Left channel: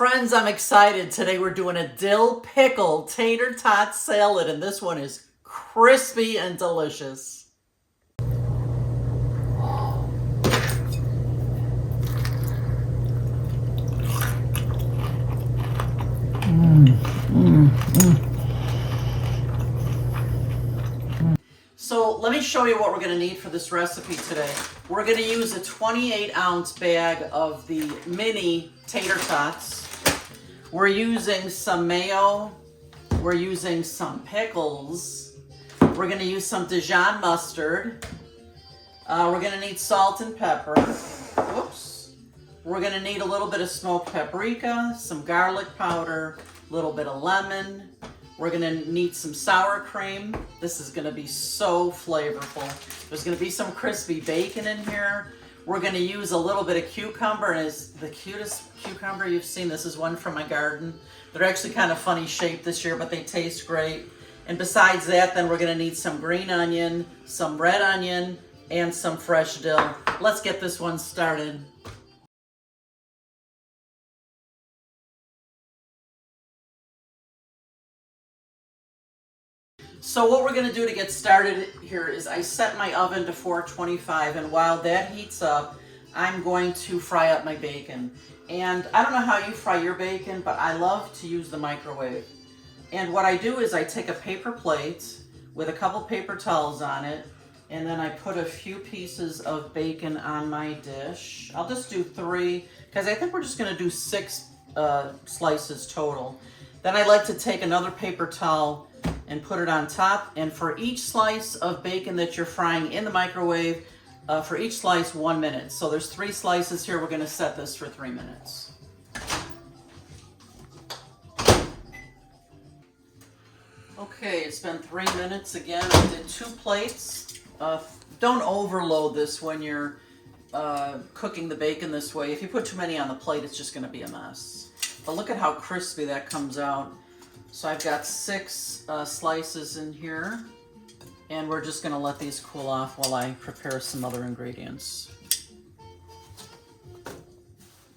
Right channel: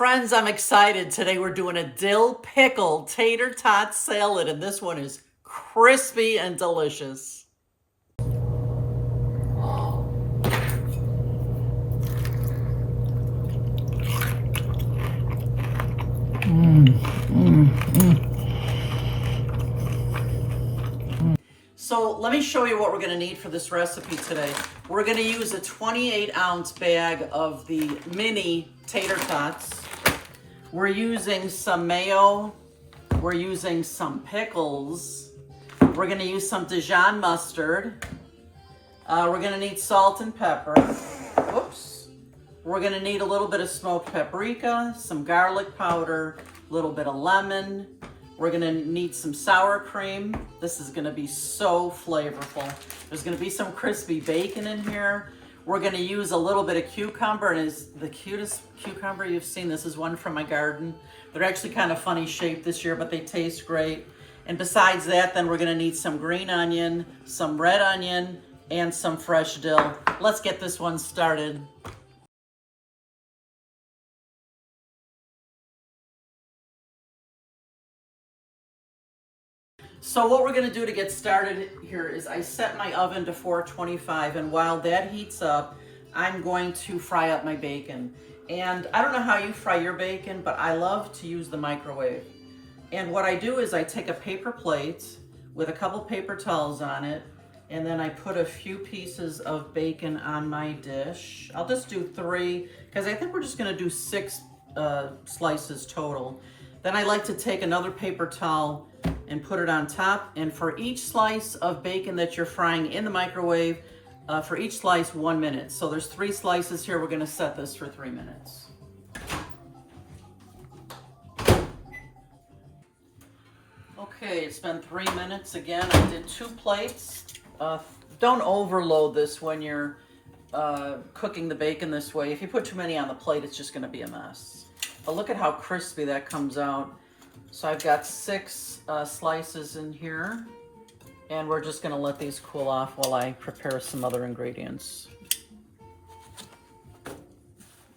Friends, I'm excited. Today we're doing a dill pickle tater tot salad, and this one is crispy and delicious. So let me show you what we're going to need for this recipe today. We're going to use a 28-ounce bag of the mini tater tots. We're using some mayo. We're using some pickles. We're going to use some Dijon mustard. We're going to need salt and pepper. Whoops. We're going to need a little bit of smoked paprika, some garlic powder, a little bit of lemon. We're gonna need some sour cream. This is gonna be so flavorful. There's gonna be some crispy bacon in here. We're gonna use a little bit of cucumber, and it's the cutest cucumber you've seen. This is one from my garden. They're actually kind of funny shaped this year, but they taste great. And besides that, then we're gonna need some green onion, some red onion, and some fresh dill. Let's get this one started. So what we're gonna do to get started here is I set my oven to 425, and while that heats up, I'm going to fry up my bacon. And I don't know how you fry your bacon, but I love to use the microwave. And what I do is I take a paper plate with a couple paper towels on it, and then I put a few pieces of bacon on my dish. I'll just do 3, because I think we're just gonna do 6 slices total. Then I like to take another paper towel and put it on top, and for each slice of bacon that you're frying in the microwave, for each slice 1 minute. So there's 3 slices here. We're gonna set this for 3 minutes. Okay, it's been 3 minutes again. I did 2 plates. Don't overload this when you're cooking the bacon this way. If you put too many on the plate, it's just gonna be a mess. But look at how crispy that comes out. So I've got 6 slices in here, and we're just gonna let these cool off while I prepare some other ingredients.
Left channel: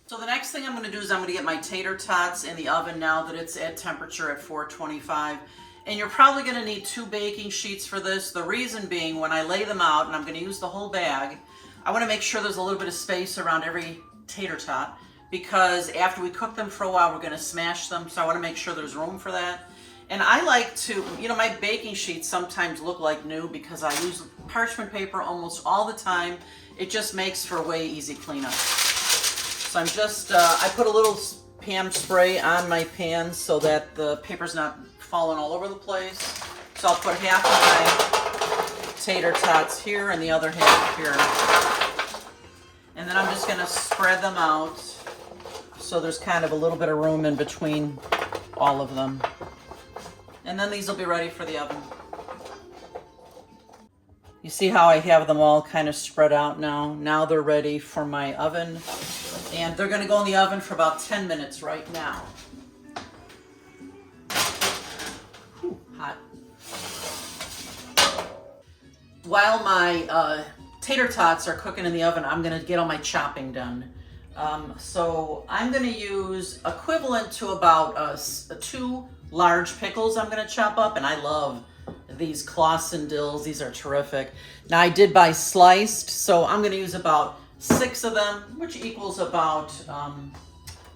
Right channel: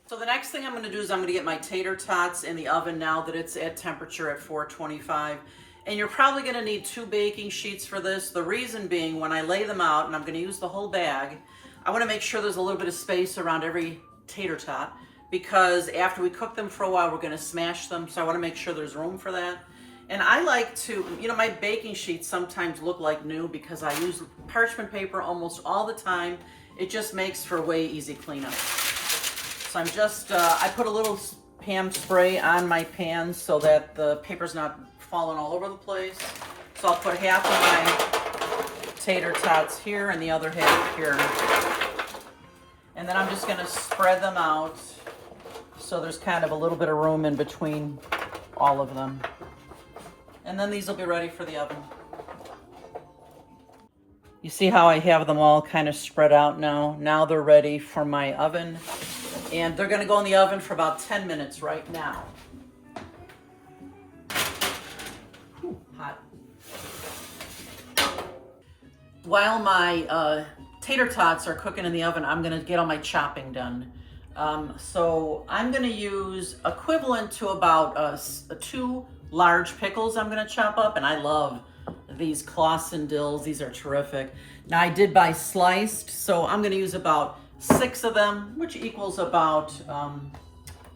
So the next thing I'm gonna do is I'm gonna get my tater tots in the oven now that it's at temperature at 425. And you're probably gonna need 2 baking sheets for this. The reason being, when I lay them out, and I'm gonna use the whole bag, I wanna make sure there's a little bit of space around every tater tot, because after we cook them for a while, we're gonna smash them. So I wanna make sure there's room for that. And I like to, my baking sheets sometimes look like new because I use parchment paper almost all the time. It just makes for way easy cleanup. So I'm just, I put a little Pam spray on my pan so that the paper's not falling all over the place. So I'll put half of my tater tots here and the other half here. And then I'm just gonna spread them out so there's kind of a little bit of room in between all of them. And then these will be ready for the oven. You see how I have them all kind of spread out now? Now they're ready for my oven. And they're gonna go in the oven for about 10 minutes right now. Ooh, hot. While my tater tots are cooking in the oven, I'm gonna get all my chopping done. So I'm gonna use equivalent to about 2 large pickles I'm gonna chop up, and I love these Clausen dills. These are terrific. Now I did buy sliced, so I'm gonna use about 6 of them, which equals about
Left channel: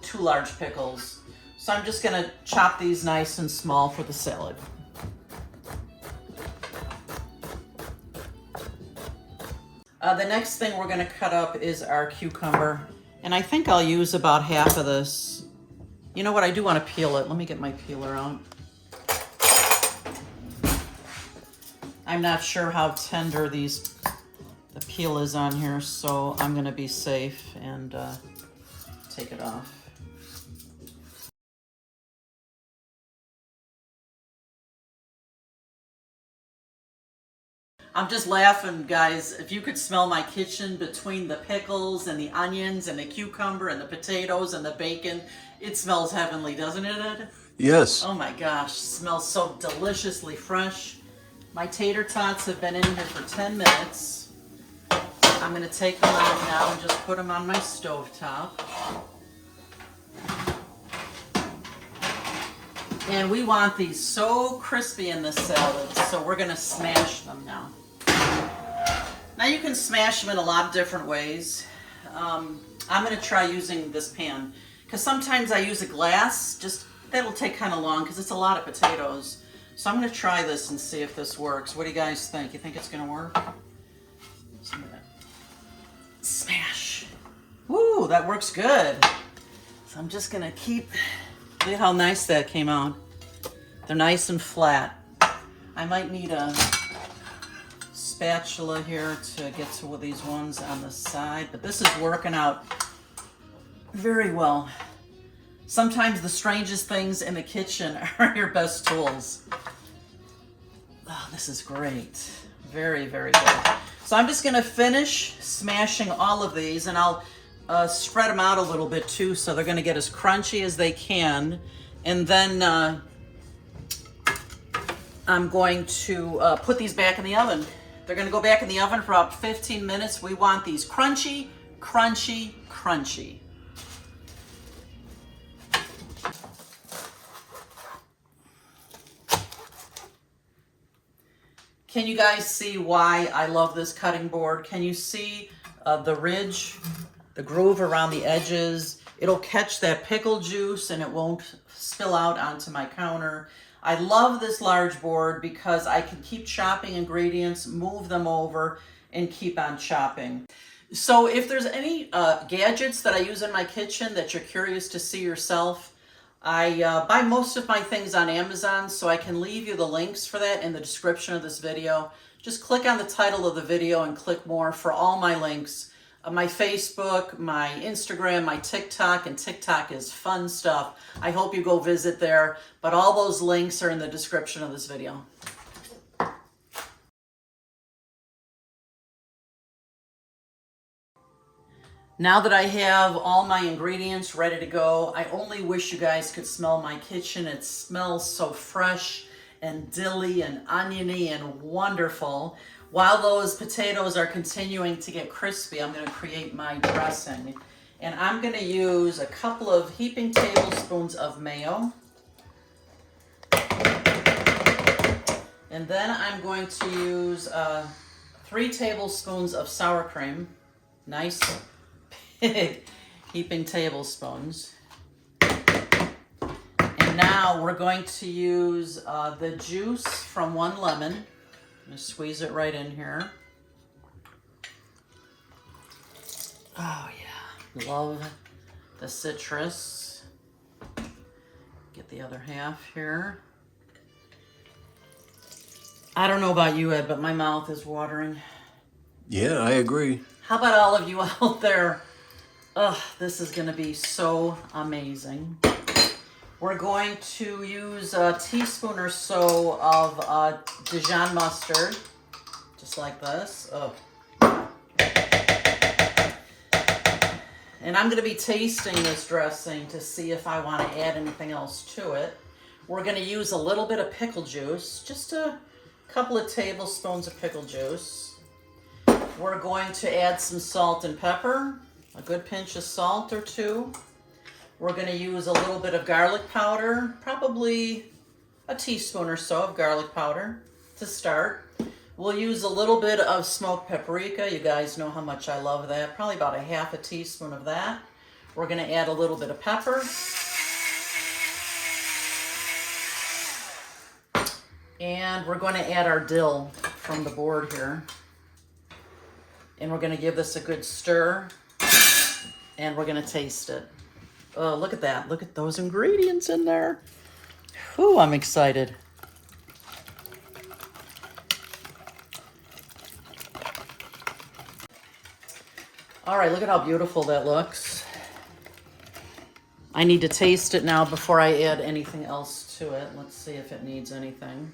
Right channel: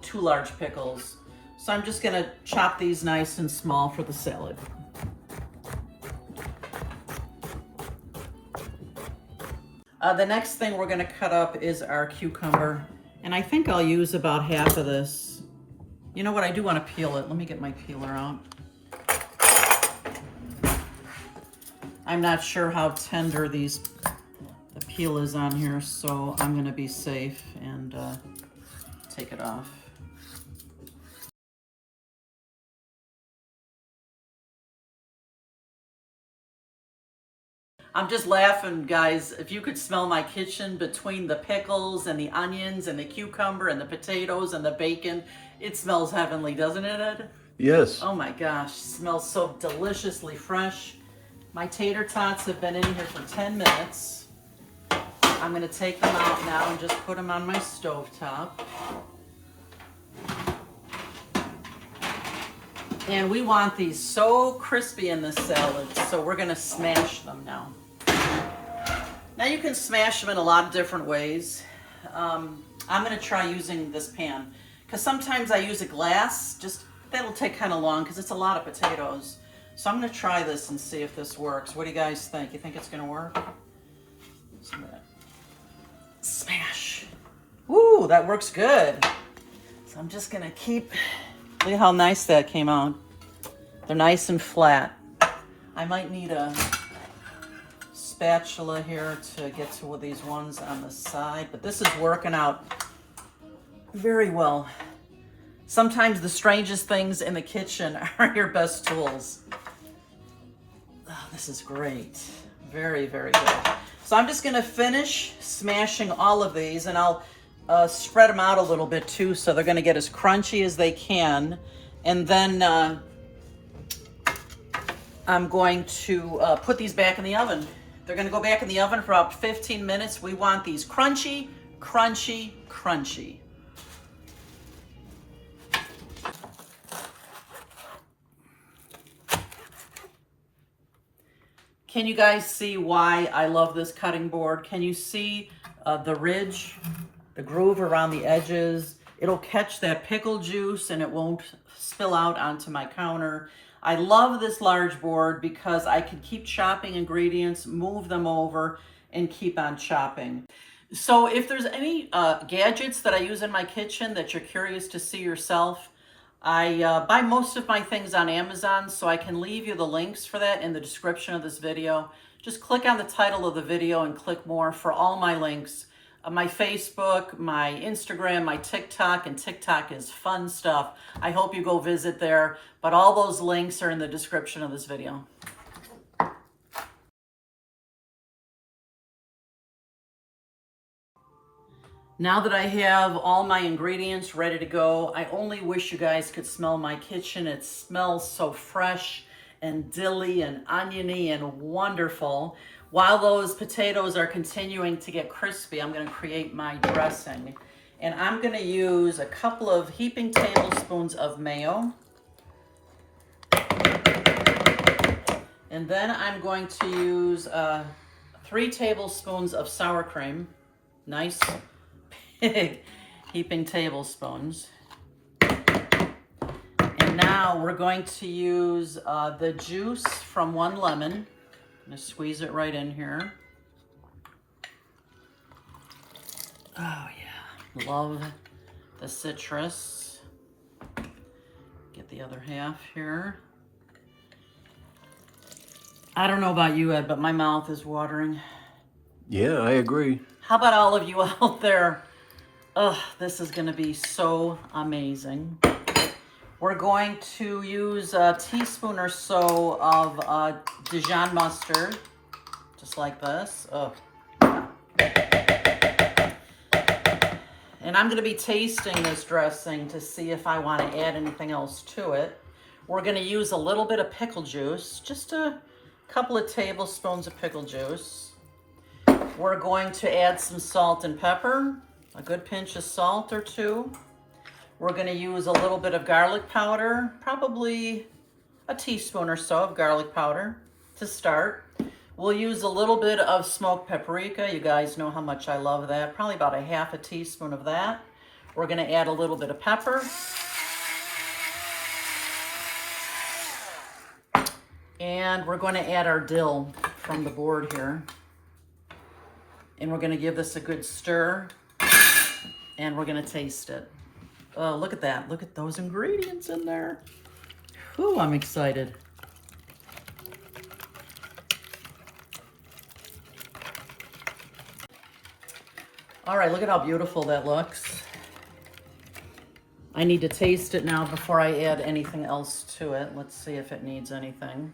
2 large pickles. So I'm just gonna chop these nice and small for the salad. The next thing we're gonna cut up is our cucumber. And I think I'll use about half of this. You know what, I do want to peel it. Let me get my peeler out. I'm not sure how tender the peel is on here, so I'm gonna be safe and take it off. I'm just laughing, guys. If you could smell my kitchen between the pickles and the onions and the cucumber and the potatoes and the bacon, it smells heavenly, doesn't it, Ed? Yes. Oh my gosh, smells so deliciously fresh. My tater tots have been in here for 10 minutes. I'm gonna take them out now and just put them on my stovetop. And we want these so crispy in this salad, so we're gonna smash them now. Now you can smash them in a lot of different ways. I'm gonna try using this pan, because sometimes I use a glass, just that'll take kind of long because it's a lot of potatoes. So I'm gonna try this and see if this works. What do you guys think? You think it's gonna work? So I'm gonna smash. Woo, that works good. So I'm just gonna keep. Look at how nice that came out. They're nice and flat. I might need a spatula here to get to these ones on the side, but this is working out very well. Sometimes the strangest things in the kitchen are your best tools. Oh, this is great. Very, very good. So I'm just gonna finish smashing all of these, and I'll spread them out a little bit too, so they're gonna get as crunchy as they can. And then I'm going to put these back in the oven. They're gonna go back in the oven for about 15 minutes. We want these crunchy, crunchy, crunchy. Can you guys see why I love this cutting board? Can you see the ridge, the groove around the edges? It'll catch that pickle juice and it won't spill out onto my counter. I love this large board because I can keep chopping ingredients, move them over, and keep on chopping. So if there's any gadgets that I use in my kitchen that you're curious to see yourself, I buy most of my things on Amazon, so I can leave you the links for that in the description of this video. Just click on the title of the video and click more for all my links. My Facebook, my Instagram, my TikTok, and TikTok is fun stuff. I hope you go visit there, but all those links are in the description of this video. Now that I have all my ingredients ready to go, I only wish you guys could smell my kitchen. It smells so fresh and dilly and oniony and wonderful. While those potatoes are continuing to get crispy, I'm gonna create my dressing. And I'm gonna use a couple of heaping tablespoons of mayo. And then I'm going to use 3 tablespoons of sour cream. Nice big heaping tablespoons. And now we're going to use the juice from 1 lemon. I'm gonna squeeze it right in here. Oh yeah, love the citrus. Get the other half here. I don't know about you, Ed, but my mouth is watering. Yeah, I agree. How about all of you out there? Ugh, this is gonna be so amazing. We're going to use a teaspoon or so of Dijon mustard, just like this. Ugh. And I'm gonna be tasting this dressing to see if I wanna add anything else to it. We're gonna use a little bit of pickle juice, just a couple of tablespoons of pickle juice. We're going to add some salt and pepper, a good pinch of salt or 2. We're going to use a little bit of garlic powder, probably a teaspoon or so of garlic powder to start. We'll use a little bit of smoked paprika. You guys know how much I love that. Probably about a half a teaspoon of that. We're going to add a little bit of pepper. And we're going to add our dill from the board here. And we're going to give this a good stir. And we're going to taste it. Oh, look at that. Look at those ingredients in there. Whew, I'm excited. All right, look at how beautiful that looks. I need to taste it now before I add anything else to it. Let's see if it needs anything.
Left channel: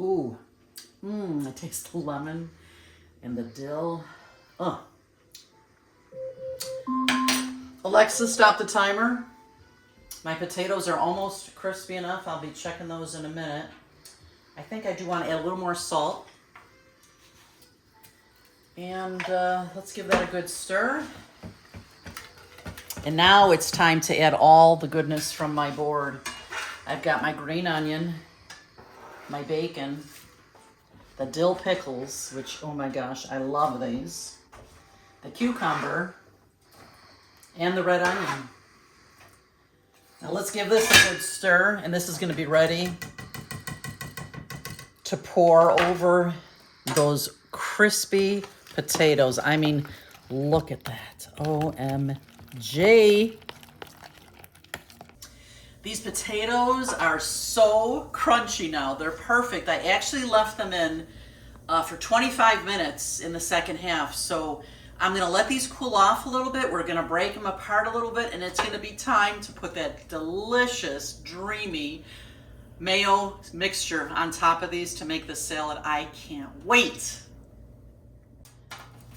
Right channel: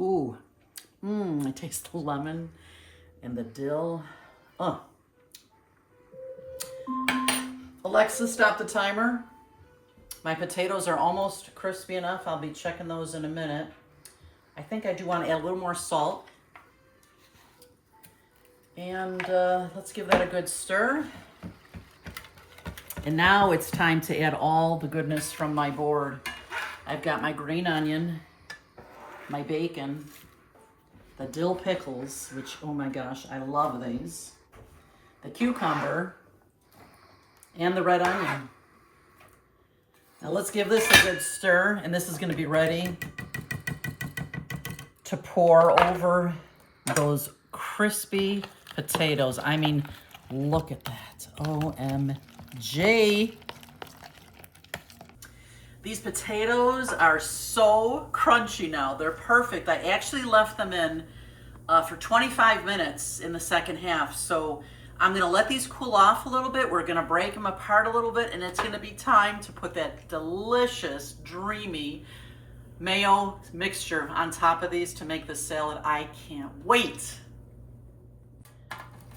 Ooh. I taste the lemon and the dill. Oh. Alexa, stop the timer. My potatoes are almost crispy enough. I'll be checking those in a minute. I think I do want to add a little more salt. And let's give that a good stir. And now it's time to add all the goodness from my board. I've got my green onion, my bacon, the dill pickles, which, oh my gosh, I love these, the cucumber, and the red onion. Now let's give this a good stir, and this is going to be ready to pour over those crispy potatoes. I mean, look at that. OMG. These potatoes are so crunchy now. They're perfect. I actually left them in for 25 minutes in the second half. So I'm gonna let these cool off a little bit. We're gonna break them apart a little bit, and it's gonna be time to put that delicious, dreamy mayo mixture on top of these to make the salad. I can't wait.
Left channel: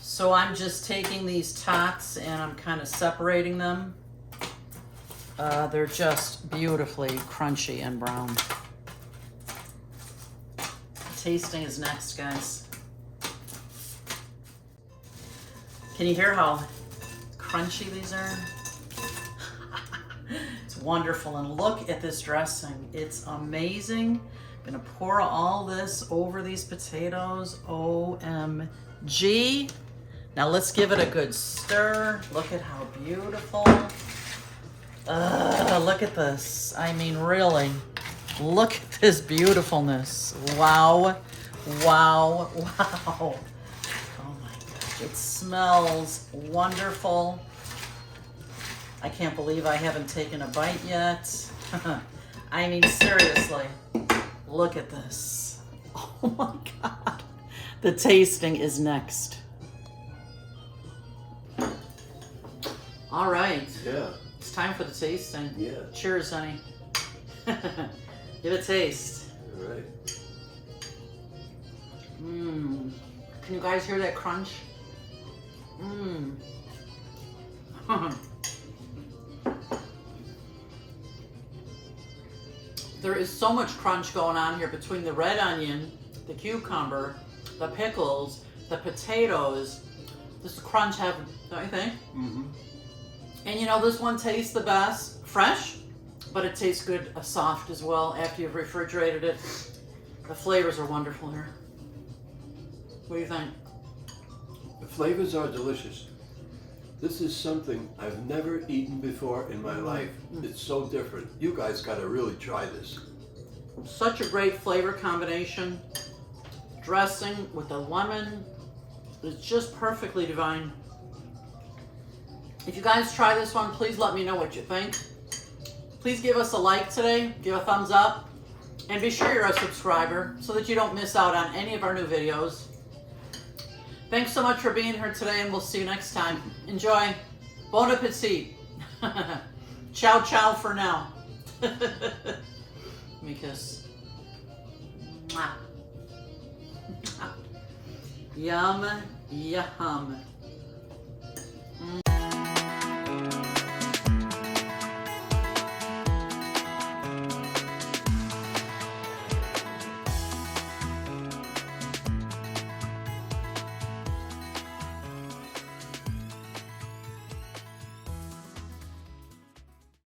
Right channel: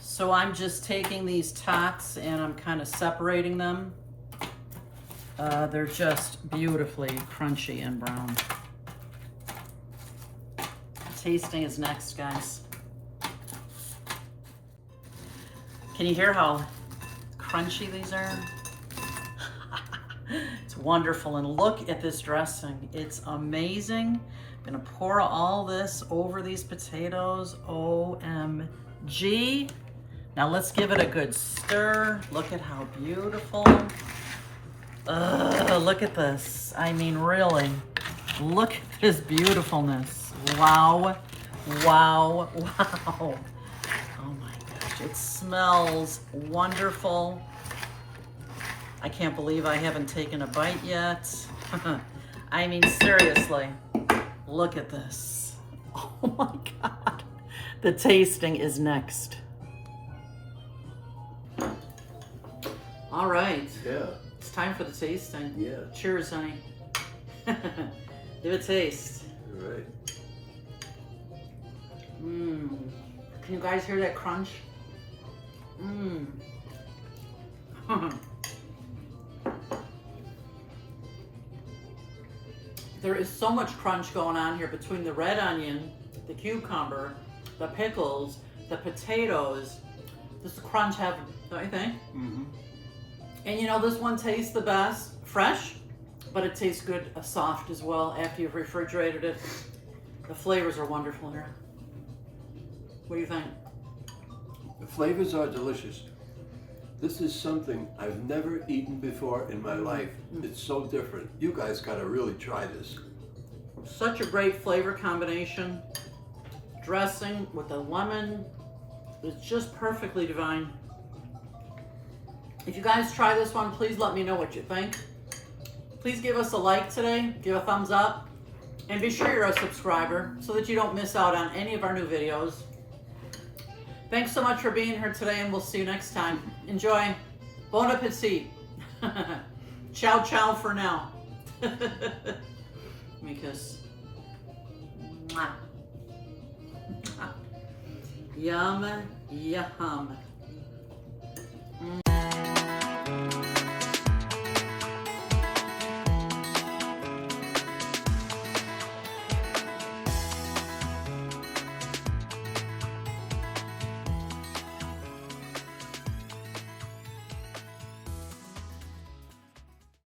So I'm just taking these tots and I'm kind of separating them. They're just beautifully crunchy and brown. Tasting is next, guys. Can you hear how crunchy these are? It's wonderful. And look at this dressing. It's amazing. I'm gonna pour all this over these potatoes. OMG. Now let's give it a good stir. Look at how beautiful. Look at this. I mean, really, look at this beautifulness. Wow, wow, wow. Oh my gosh, it smells wonderful. I can't believe I haven't taken a bite yet. I mean, seriously, look at this. Oh my God. The tasting is next. All right. Yeah. It's time for the tasting. Yeah. Cheers, honey. Give it a taste. All right. Mmm. Can you guys hear that crunch? Mmm. There is so much crunch going on here between the red onion, the cucumber, the pickles, the potatoes. This is crunch heaven, don't you think? Mm-hmm. And you know, this one tastes the best fresh, but it tastes good soft as well after you've refrigerated it. The flavors are wonderful here. What do you think? The flavors are delicious. This is something I've never eaten before in my life. It's so different. You guys gotta really try this. Such a great flavor combination. Dressing with the lemon. It's just perfectly divine. If you guys try this one, please let me know what you think. Please give us a like today, give a thumbs up, and be sure you're a subscriber so that you don't miss out on any of our new videos. Thanks so much for being here today, and we'll see you next time. Enjoy. Bon appetit. Ciao, ciao for now. Let me kiss. Mwah. Yum, yum.